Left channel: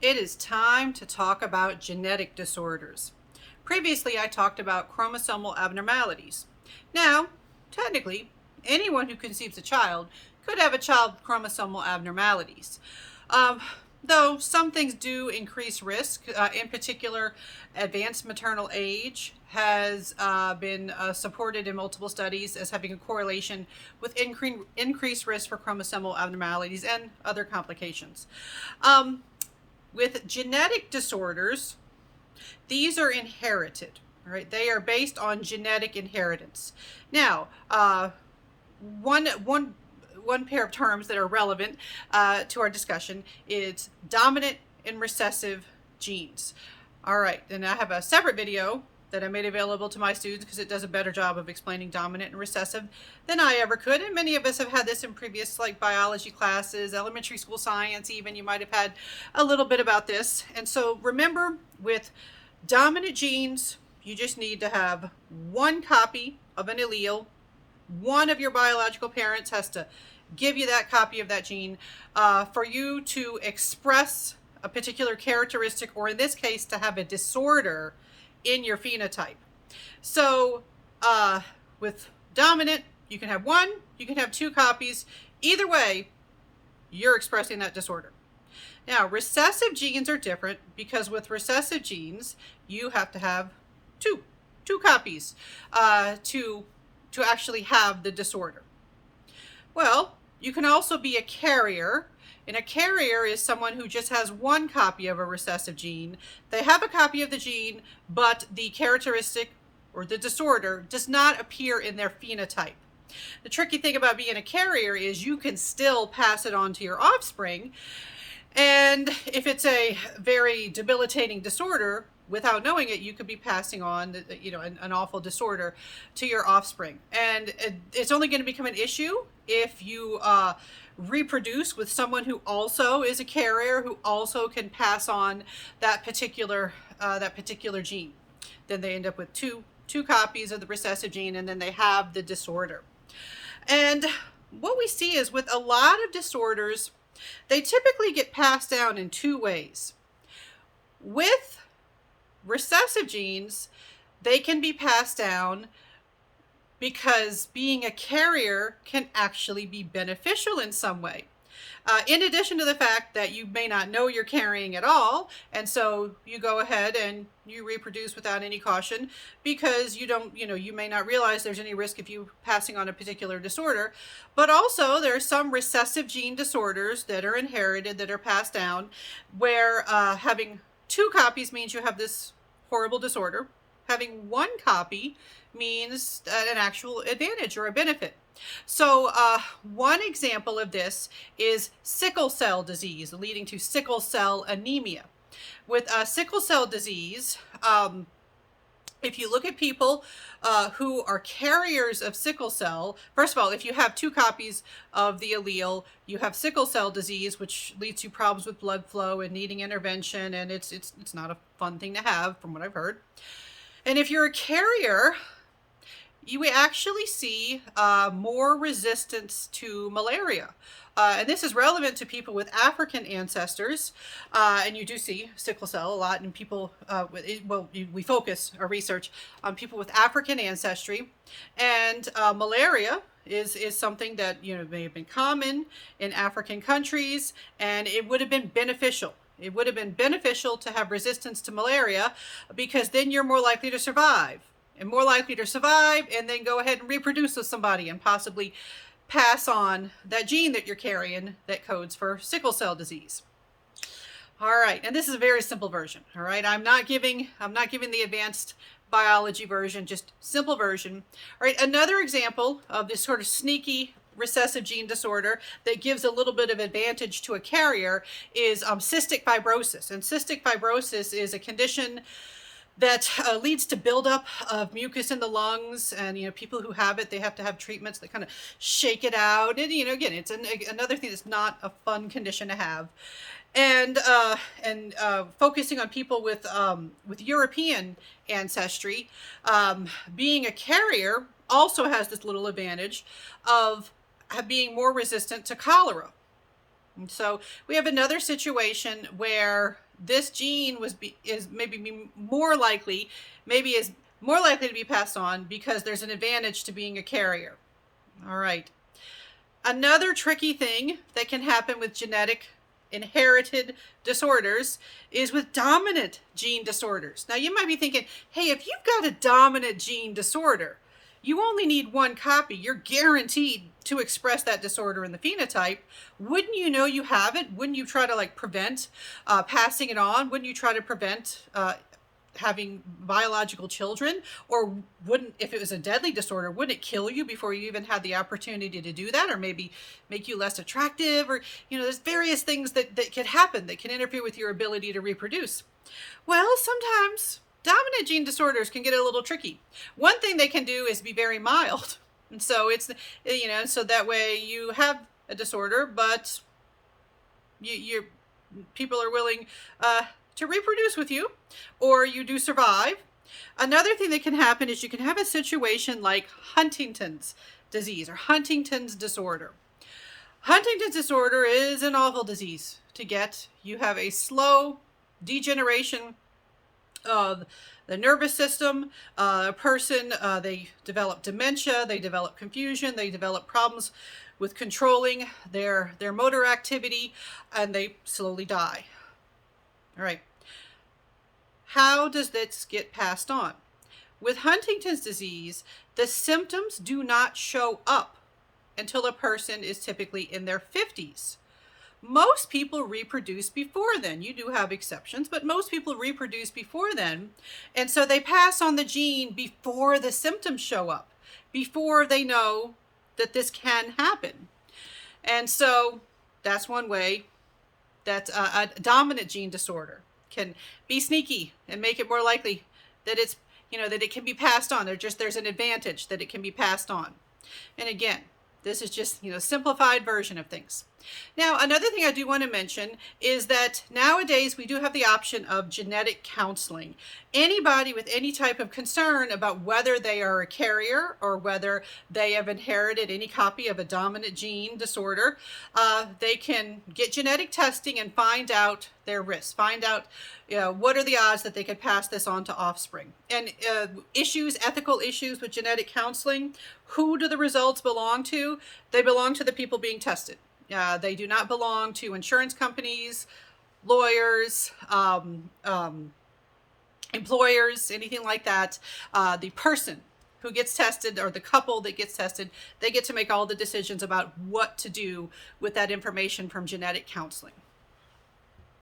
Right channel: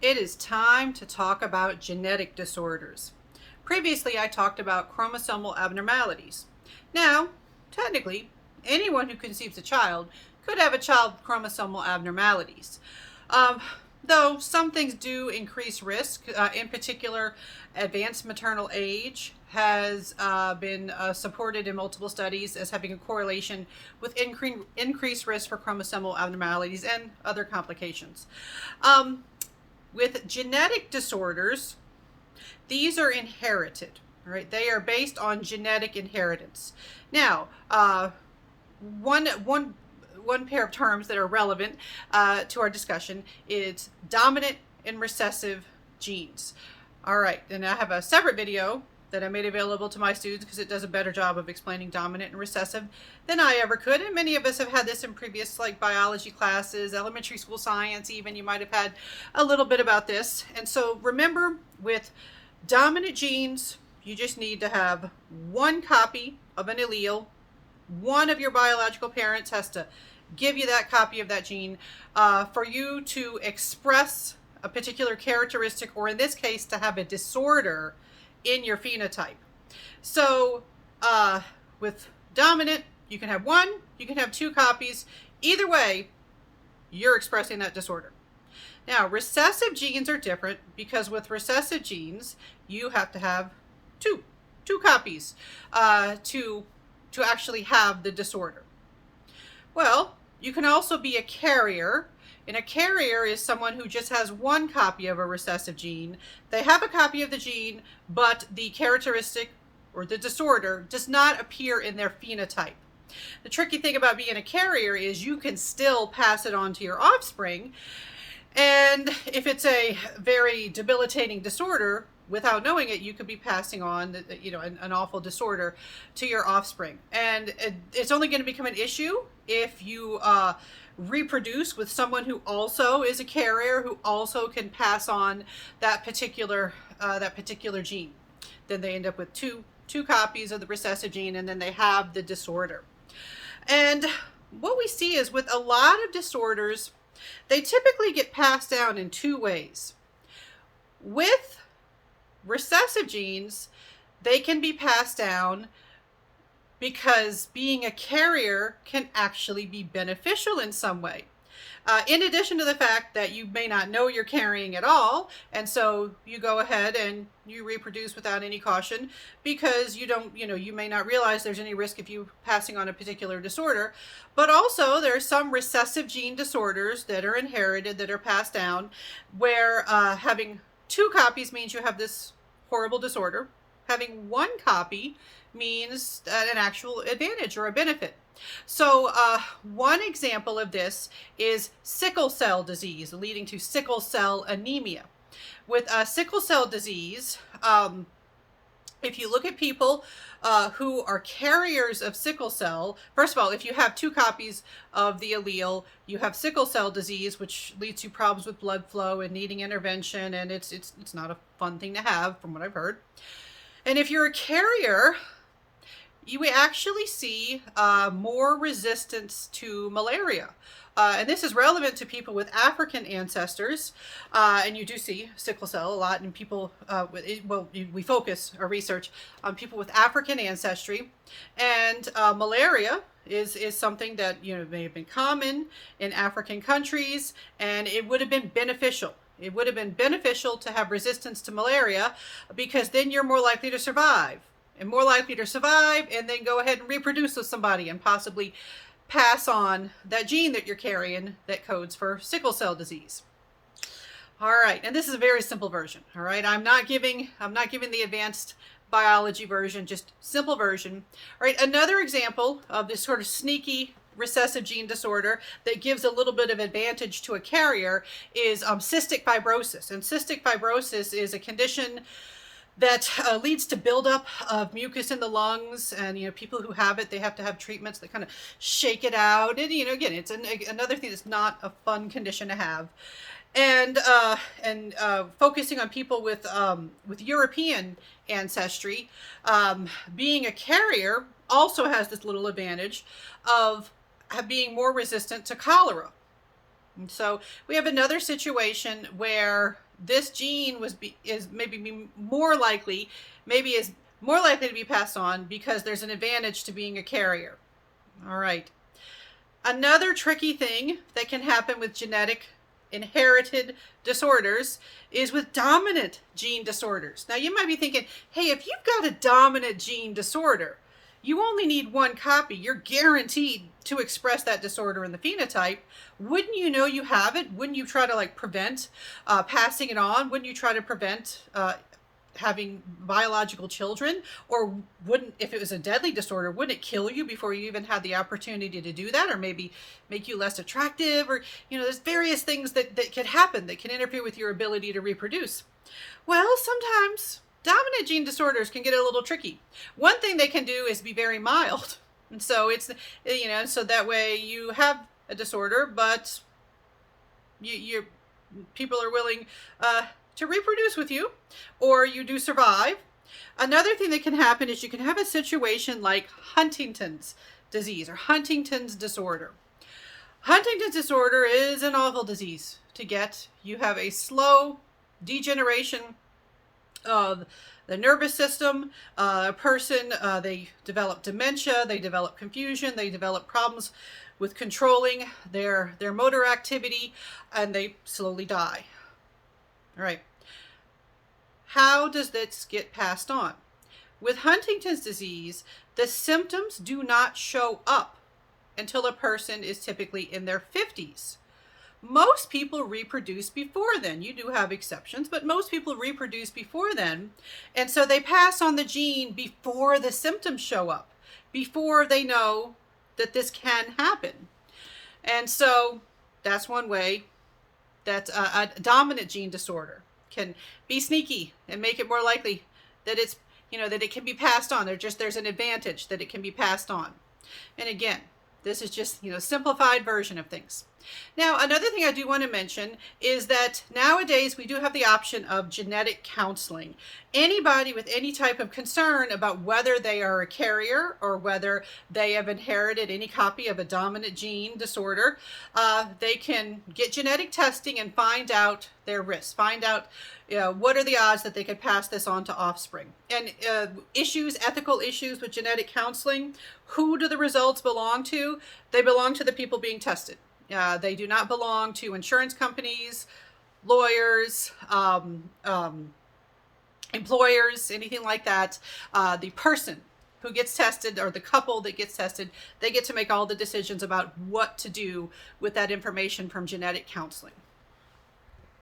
It is time to talk about genetic disorders. Previously, I talked about chromosomal abnormalities. Now, technically, anyone who conceives a child could have a child with chromosomal abnormalities. Um, though some things do increase risk, in particular, advanced maternal age has been supported in multiple studies as having a correlation with increased risk for chromosomal abnormalities and other complications. Um, with genetic disorders, these are inherited, right? They are based on genetic inheritance. Now, one pair of terms that are relevant to our discussion is dominant and recessive genes. All right, then I have a separate video that I made available to my students because it does a better job of explaining dominant and recessive than I ever could. And many of us have had this in previous biology classes, elementary school science even. You might have had a little bit about this. And so remember, with dominant genes, you just need to have one copy of an allele. One of your biological parents has to give you that copy of that gene for you to express a particular characteristic, or in this case, to have a disorder in your phenotype. So with dominant, you can have one, you can have two copies. Either way, you're expressing that disorder. Now, recessive genes are different because with recessive genes, you have to have two copies to actually have the disorder. Well, you can also be a carrier, and a carrier is someone who just has one copy of a recessive gene. They have a copy of the gene, but the characteristic or the disorder does not appear in their phenotype. The tricky thing about being a carrier is you can still pass it on to your offspring, and if it's a very debilitating disorder, without knowing it, you could be passing on, an awful disorder to your offspring. And it's only going to become an issue if you reproduce with someone who also is a carrier, who also can pass on that particular gene. Then they end up with two copies of the recessive gene, and then they have the disorder. And what we see is with a lot of disorders, they typically get passed down in two ways. With recessive genes, they can be passed down because being a carrier can actually be beneficial in some way. In addition to the fact that you may not know you're carrying at all, and so you go ahead and you reproduce without any caution because you may not realize there's any risk of you passing on a particular disorder. But also there are some recessive gene disorders that are inherited, that are passed down, where having two copies means you have this horrible disorder. Having one copy means an actual advantage or a benefit. So one example of this is sickle cell disease, leading to sickle cell anemia. With sickle cell disease, if you look at people who are carriers of sickle cell, first of all, if you have two copies of the allele, you have sickle cell disease, which leads to problems with blood flow and needing intervention, and it's not a fun thing to have, from what I've heard. And if you're a carrier, you actually see more resistance to malaria. And this is relevant to people with African ancestors. And you do see sickle cell a lot in people, we focus our research on people with African ancestry. And malaria is something that may have been common in African countries, and it would have been beneficial. It would have been beneficial to have resistance to malaria because then you're more likely to survive. And more likely to survive and then go ahead and reproduce with somebody and possibly pass on that gene that you're carrying that codes for sickle cell disease. All right, and this is a very simple version. All right, I'm not giving the advanced biology version, just simple version. All right, another example of this sort of sneaky recessive gene disorder that gives a little bit of advantage to a carrier is cystic fibrosis. And cystic fibrosis is a condition that leads to buildup of mucus in the lungs, and people who have it, they have to have treatments that kind of shake it out. And again, it's another thing that's not a fun condition to have. And focusing on people with European ancestry, being a carrier also has this little advantage of being more resistant to cholera. And so we have another situation where this gene is more likely to be passed on because there's an advantage to being a carrier. All right. Another tricky thing that can happen with genetic inherited disorders is with dominant gene disorders. Now you might be thinking, hey, if you've got a dominant gene disorder, you only need one copy. You're guaranteed to express that disorder in the phenotype. Wouldn't you know you have it? Wouldn't you try to prevent passing it on? Wouldn't you try to prevent having biological children? Or wouldn't, if it was a deadly disorder, wouldn't it kill you before you even had the opportunity to do that? Or maybe make you less attractive? Or, there's various things that could happen that can interfere with your ability to reproduce. Well, sometimes dominant gene disorders can get a little tricky. One thing they can do is be very mild. And so it's, so that way you have a disorder, but people are willing to reproduce with you, or you do survive. Another thing that can happen is you can have a situation like Huntington's disease or Huntington's disorder. Huntington's disorder is an awful disease to get. You have a slow degeneration of the nervous system. A person, they develop dementia, they develop confusion, they develop problems with controlling their motor activity, and they slowly die. All right. How does this get passed on? With Huntington's disease, the symptoms do not show up until a person is typically in their 50s. Most people reproduce before then. You do have exceptions, but most people reproduce before then. And so they pass on the gene before the symptoms show up, before they know that this can happen. And so that's one way that a dominant gene disorder can be sneaky and make it more likely that it's, that it can be passed on. There's an advantage that it can be passed on. And again, this is just, simplified version of things. Now, another thing I do want to mention is that nowadays we do have the option of genetic counseling. Anybody with any type of concern about whether they are a carrier or whether they have inherited any copy of a dominant gene disorder, they can get genetic testing and find out their risks, find out what are the odds that they could pass this on to offspring. And ethical issues with genetic counseling, who do the results belong to? They belong to the people being tested. They do not belong to insurance companies, lawyers, employers, anything like that. The person who gets tested or the couple that gets tested, they get to make all the decisions about what to do with that information from genetic counseling.